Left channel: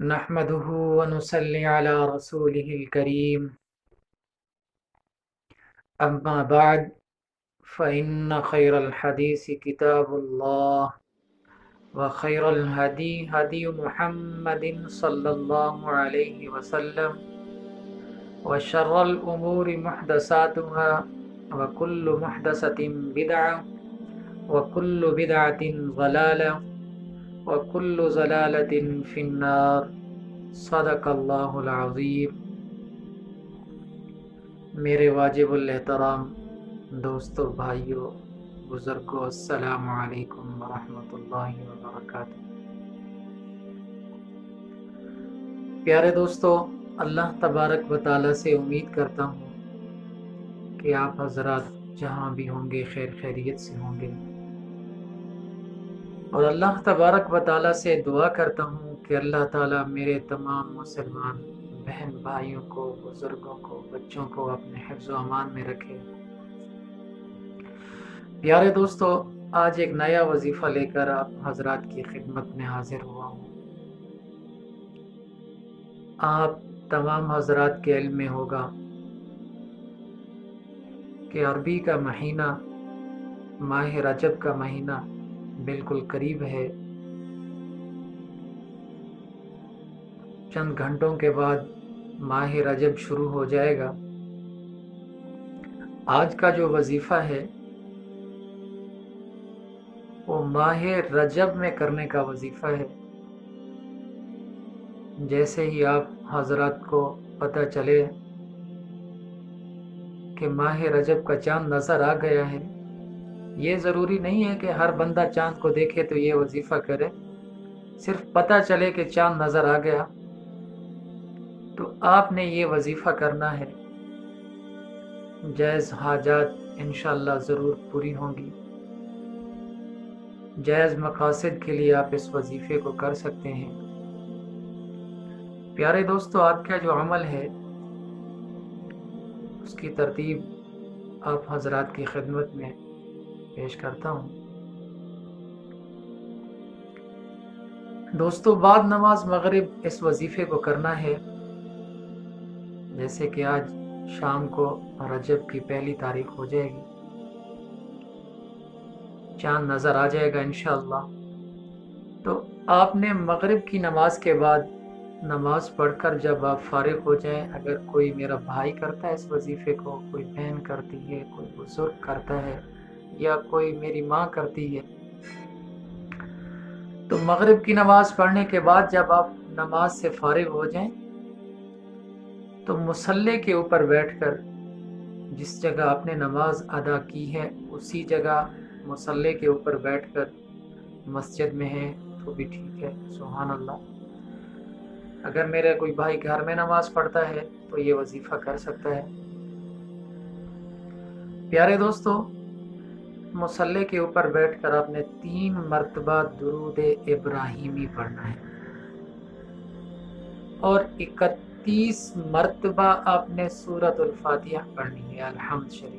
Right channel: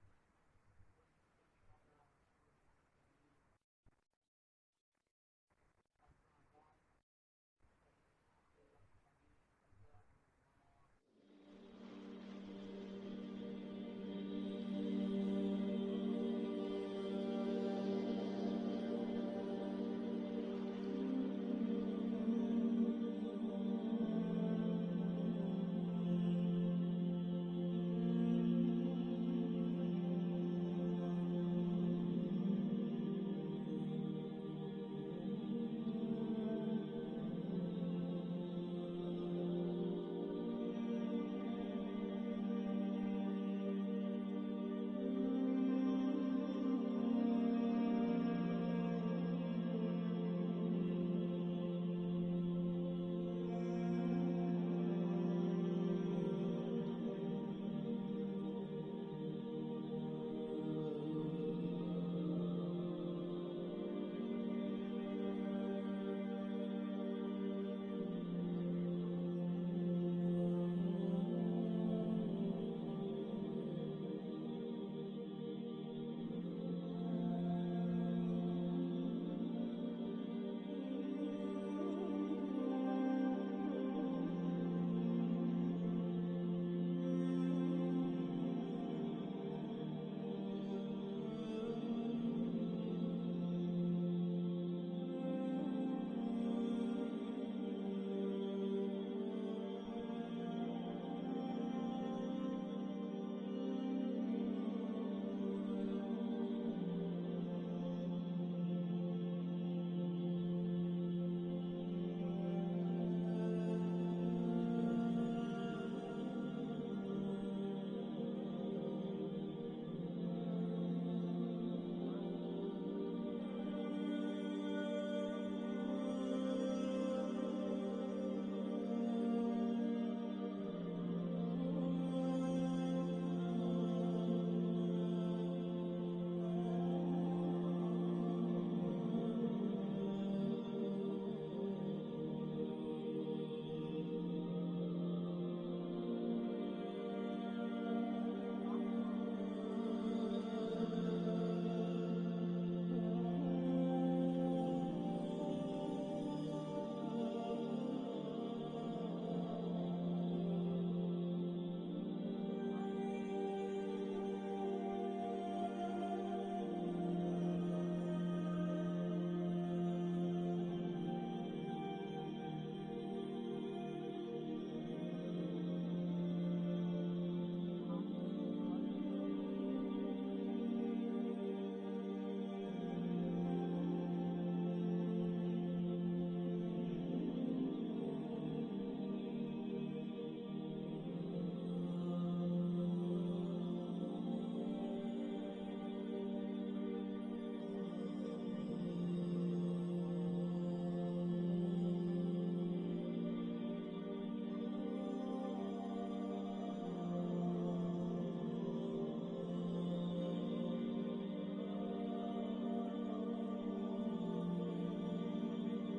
نحمده ونصلي على رسوله الكريم أما بعد فإن خير الحديث كتاب الله وخير الهدي هدي محمد صلى الله عليه وسلم وشر الأمور محدثاتها وكل محدثة بدعة وكل بدعة ضلالة وكل ضلالة في النار صدق الله العظيم۔ میرے واجب الاحترام دوستو، بھائیو، بزرگوں، السلام علیکم ورحمۃ اللہ وبرکاتہ۔ پیارے دوستو، اللہ تبارک و تعالیٰ سے امید کرتا ہوں کہ آپ حضرات جہاں بھی ہوں گے خیر خیریت سے ہوں گے، اور اللہ تبارک و تعالیٰ سے دعا کرتا ہوں کہ اللہ تعالیٰ میرے تمام مسلمان بہن بھائیوں کو، بزرگوں کو، بچوں کو اپنے حفظ و امان میں رکھے۔ پیارے دوستو، آج ایک نیا وظیفہ لے کر آپ حضرات کی خدمت میں حاضر ہوا ہوں۔ آپ تمام حضرات کے علم میں ہوگا کہ عربی کا مہینہ، ماہ رجب کا مہینہ بالکل قریب ہے۔ چند گھنٹوں کے بعد ماہ رجب شروع ہو جائے گا۔ آج کا جو وظیفہ ہے وہ ماہ رجب میں کرنے کا وظیفہ ہے۔ جیسے ہی آپ حضرات کو پتہ چلے کہ ماہ رجب کا چاند نظر آ گیا ہے، یہ ضروری نہیں ہے کہ ہر بندہ چاند کو دیکھے تو یہ وظیفہ کرے، صرف پتہ چلے کہ چاند نظر آ گیا تو آپ نے یہ وظیفہ کرنا ہے۔ جائز حاجات انشاءاللہ ضرور پوری ہوں گی۔ جائز مقاصد کے لیے آپ اس وظیفے کو کر سکتے ہیں۔ پیارے دوستو، آپ کا جو عمل ہے اس کی ترتیب آپ حضرات کی خدمت میں پیش کرتا ہوں۔ دوستو، بعد نماز مغرب اس وظیفے کو کرنا ہے۔ جیسے کہ آج شام کو رجب کی پہلی تاریخ ہو جائے گی، چاند نظر آ جائے گا انشاءاللہ، تو آپ نے مغرب کی نماز کے بعد نماز پڑھ کر جب آپ فارغ ہو جائیں، اگر کوئی میرا بھائی کرتا ہے اس وظیفے کو، کوئی بہن کرتی ہے، کوئی بزرگ کرتا ہے، یا کوئی میری ماں کرتی ہے، تو مغرب کی نماز پڑھنے کے بعد جب آپ نماز سے فارغ ہو جائیں تو مصلی کے اوپر بیٹھ کر جس جگہ آپ نے نماز ادا کی ہے اسی جگہ مصلی کے اوپر بیٹھ کر، مسجد میں ہے تو بھی ٹھیک ہے، سبحان اللہ۔ اگر میرا کوئی بھائی گھر میں نماز پڑھتا ہے تو یہ وظیفہ کر سکتا ہے۔ پیارے دوستو، مصلی کے اوپر بیٹھ کر آپ نے 3 مرتبہ درود ابراہیمی پڑھنا ہے، اور 31 مرتبہ آپ نے سورۃ الفاتحہ پڑھنی ہے، الحمد شریف۔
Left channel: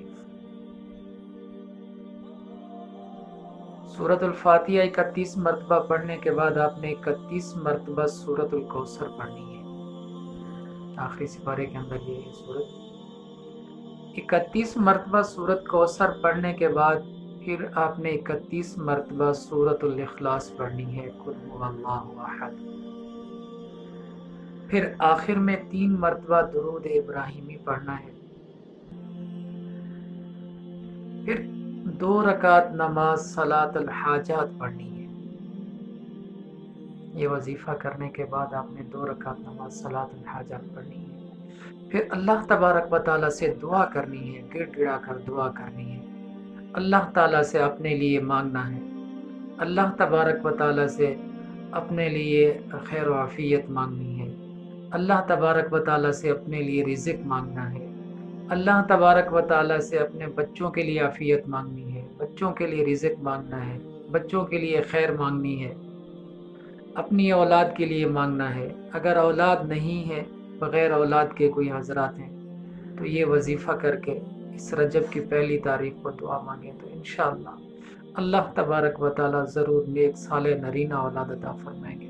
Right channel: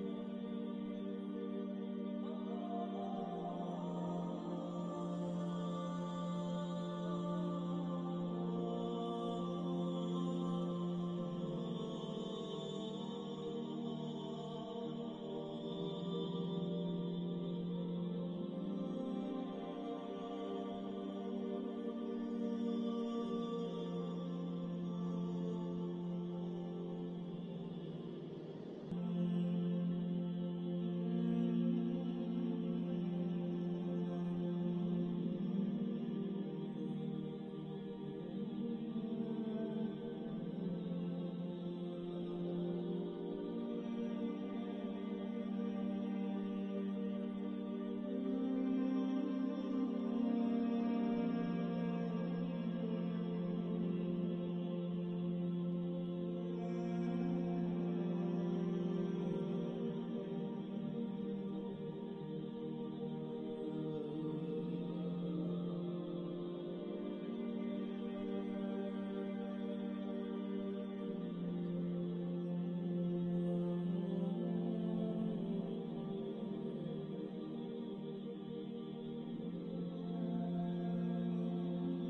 سورۃ الفاتحہ 31 مرتبہ پڑھنے کے بعد آپ نے 31 مرتبہ سورۃ الکوثر پڑھنی ہے، آخری سپارے کے اندر یہ سورت۔ 31 مرتبہ سورۃ کوثر پڑھنے کے بعد پھر آپ نے 31 مرتبہ سورۃ الاخلاص پڑھنی ہے، قل هو اللہ احد۔ پھر آخر میں 3 مرتبہ درود ابراہیمی پڑھنا ہے۔ پھر 2 رکعت نماز صلاۃ الحاجات پڑھنی ہے۔ یہ وظیفہ کرنے کے بعد آپ نے 2 رکعت نماز صلاۃ الحاجات پڑھنی ہے۔ پھر اللہ تبارک و تعالیٰ سے دعا کرنی ہے، گڑ گڑا کر دعا کرنی ہے۔ اللہ تعالیٰ سے اپنے لیے مانگنا ہے، اللہ تبارک و تعالیٰ سے اپنے لیے خیر و عافیت مانگنی ہے، اللہ تبارک و تعالیٰ سے اپنے لیے رزق مانگنا ہے، اللہ تبارک و تعالیٰ سے اپنے بچوں کے لیے عافیت مانگنی ہے، بچوں کے لیے رزق مانگنا ہے، بچوں کے لیے خیر مانگنی ہے، اپنی اولاد کے لیے مانگنا ہے۔ اگر اولاد نہیں ہے، بغیر اولاد کے کوئی حضرات ہیں تو یہ وظیفہ کر کے اس رجب کی پہلی تاریخ کو دعا مانگے تو انشاءاللہ اللہ تبارک و تعالیٰ ضرور نیک صالح نرینہ اولاد عطا فرمائیں گے۔